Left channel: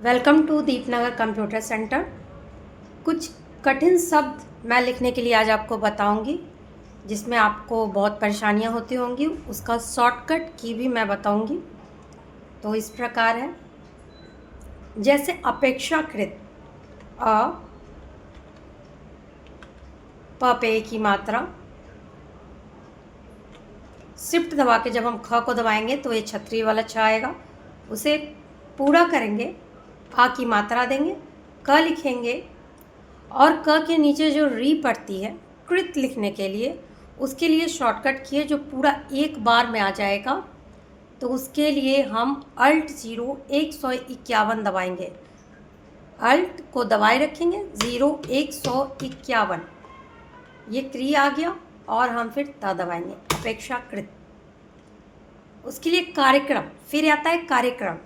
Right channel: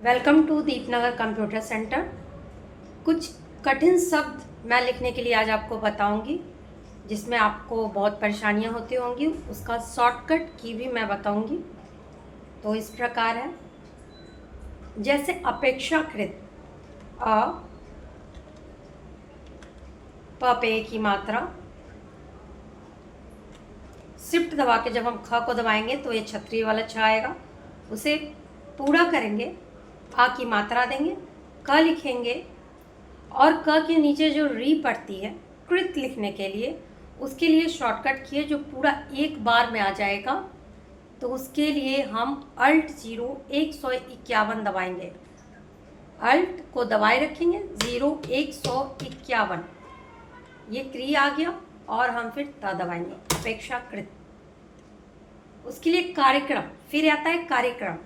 Welcome to Deepnagar computer centre. कुछ कठिन शब्द मैं लिखने के लिए आज आपको बताऊंगी, जिसमें आपको बहुत परेशानियां होती होंगी। उसका शॉर्टकट की भी मैं बताऊंगी। तो इस प्रकार है, जैसे अपेक्षाकृत अ, प पे की मात्रा। शिफ्ट दबा के जब हम ख को दबाएंगे तो ये छतरी वाला छ आएगा, उसे पूरा करेंगे, आ की मात्रा देंगे, क लिखेंगे और क के नीचे जो री पड़ती है कृत लिखने के लिए, उसके लिए शॉर्टकट किए जो पूरा एक बार में आ जाएगा। तो उसके लिए हम अल्ट 151 दबाएंगे, अल्ट को दबाए रखेंगे 151, ये क्री आ गया और हम फिर त दबाएंगे अपेक्षाकृत। उसके लिए कार्यक्रम फिर आता है, कार्यक्रम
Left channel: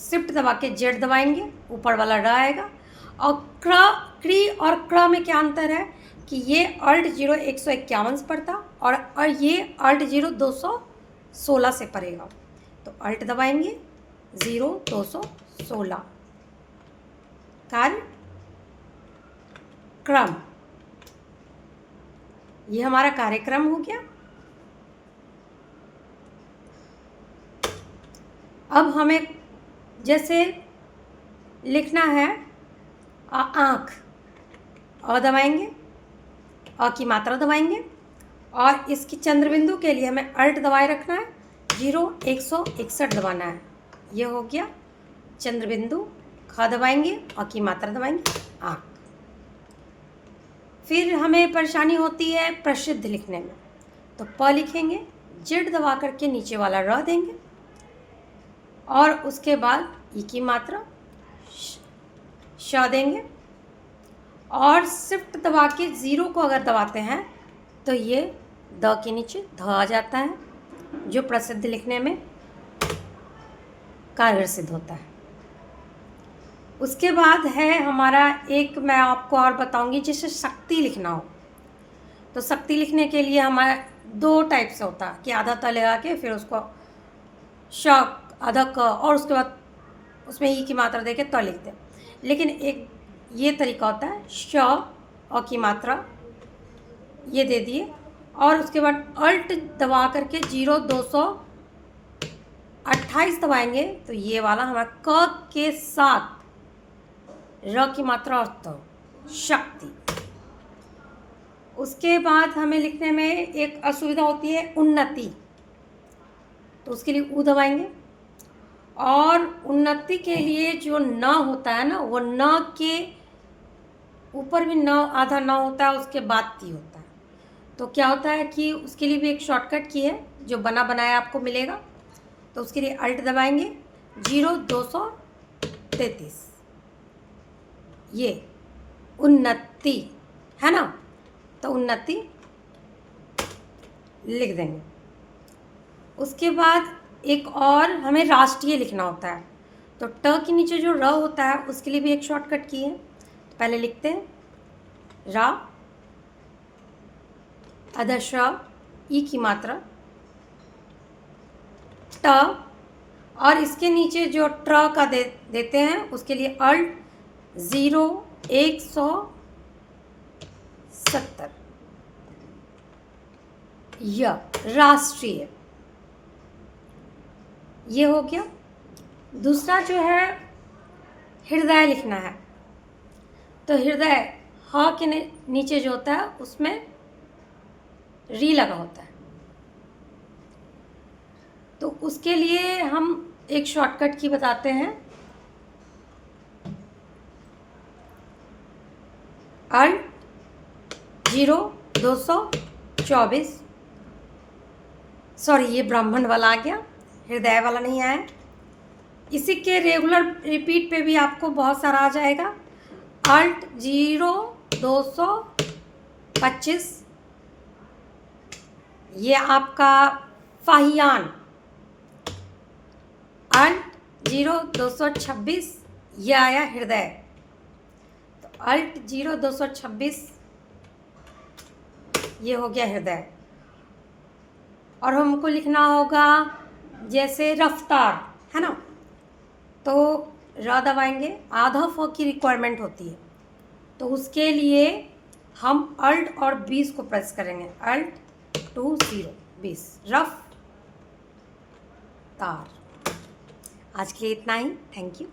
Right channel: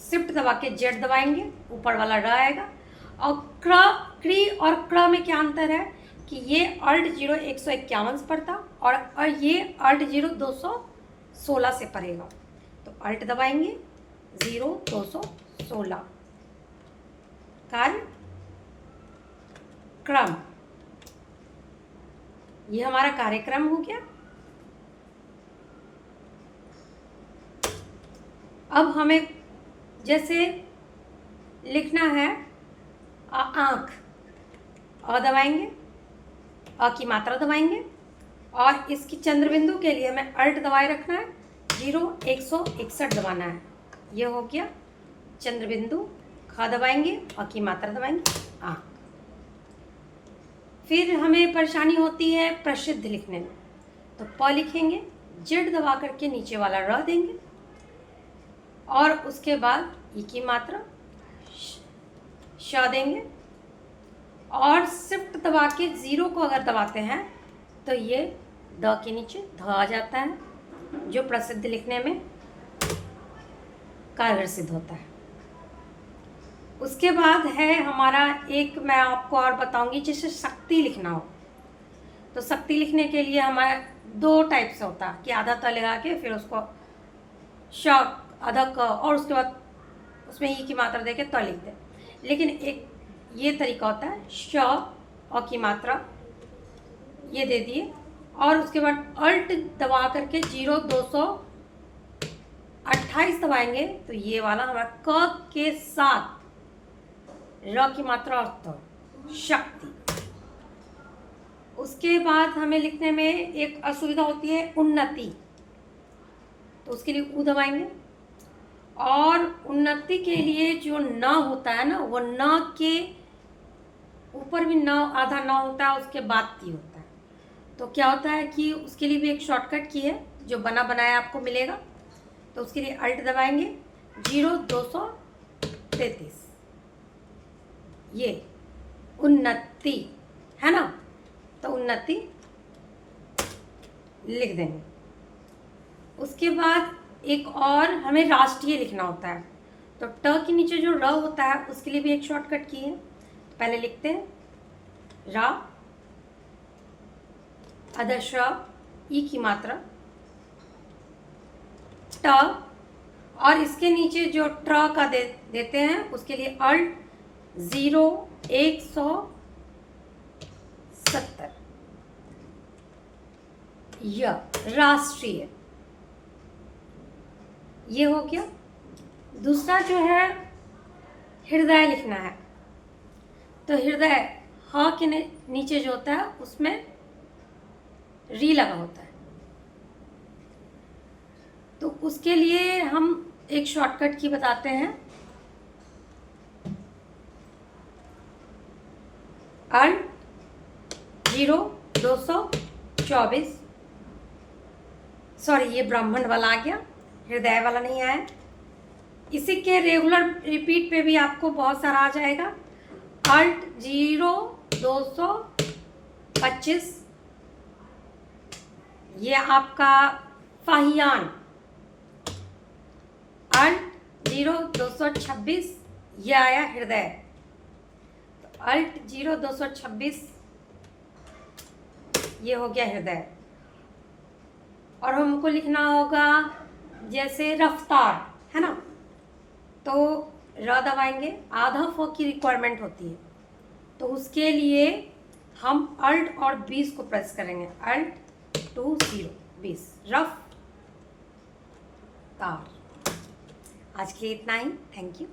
शिफ्ट दबा के जेड दबाएंगे, ऊपर वाला ड आएगा। और क्री और क्र में क्या अंतर है कि ये अल्ट 151 से पढ़ता और ये अल्ट 216 से पढ़ेगा। तो अल्ट दबाएंगे 216, कार्य क्रम, ये हमारा कार्यक्रम हो गया। अब हमें जैसे लिखना है आँख, अ दबाएंगे, अ की मात्रा दबाएंगे और इसकी चंद्र बिंदु के लिए हमें अल्ट दबाए रखना है, 161 दबाना है। ये हो गया चंद्र बिंदु। ख दबाएंगे, अ की मात्रा दबाएंगे, आँख। फिर हमें परेशानी होती है प्रसिद्ध लिखने में, तो प लिखेंगे, जेड दबा करके नीचे वाला र देंगे और उसके बाद ई की मात्रा श देंगे और शिफ्ट दबा के 0 को अगर दबाते हैं तो ये द के नीचे ध आ जाता है, जो प्रसिद्ध लिखने में कारगर सिद्ध होता है। उसके बाद है हमारा एक, मैं आपको और बताऊंगी, जैसे शक्ति लिखना हो तो शक्ति लिखने के लिए हमारा दो टाइप से होता है कि आधा त लगा के फिर उसको श आधा क और उसके बाद उसमें ई की मात्रा देके त लिखते हैं। लेकिन एक ये तरीका होता है, श अ की मात्रा ये दे दिए और उसके बाद अल्ट दबा करके 228 दबाएंगे तो ये वाला हमारा क के साथ र की मात्रा और तो शक्ति। उसके बाद हमें लिखने में एक असुविधा होती है उन्नति, तो उसके लिए उ दबाएंगे और उन्नति के लिए जो न होता है ना, वो न के ऊपर भी न आधा न होता है, उसके बाद ती होता है। तो क्या होता है कि उसके लिए भी एक शॉर्टकट की है जो बना बनाया आपको मिलेगा। तो उसके लिए अल्ट दबाएंगे 233, ये उन्नति है ना, तो उन्नति लिख देंगे। उसके बाद एक और हमें राष्ट्रीय लिखना होता है, तो ट के नीचे जो र होता है उसके लिए भी एक शॉर्टकट की है। तो पहले लिखते हैं रा, अदश ई की मात्रा ट और इसके नीचे जो ट्र का देते हैं उसके लिए अल्ट 170, य राष्ट्रीय, ये हो गया। दूसरा जो है हृदय लिखना है, तो हृदय ह के नीचे जो होता है उसमें री लगा होता है, तो उसके लिए हम एक शॉर्टकट की बताते हैं, अल्ट 224, सॉरी ये ब्राह्मण वाला आ गया, हृदय वाला नहीं आया। इसी के रेगुलर रिपीट पे भी आपको बहुत सारा आ जाएगा, अल्ट 225, ये आपका फाहियान, अल्ट 226, ये आया हृदय। तो अल्ट 226 ये हो गया हृदय। और हमको लिखना होगा जैसे रफ्तार है ना। तो र दबाएंगे, आधा फ की रिक्वायरमेंट होती है, तो उसके लिए हम अल्ट और 20 को प्रेस करेंगे, अल्ट 20 20 रफ तार। आज के लिए इतना ही, थैंक यू।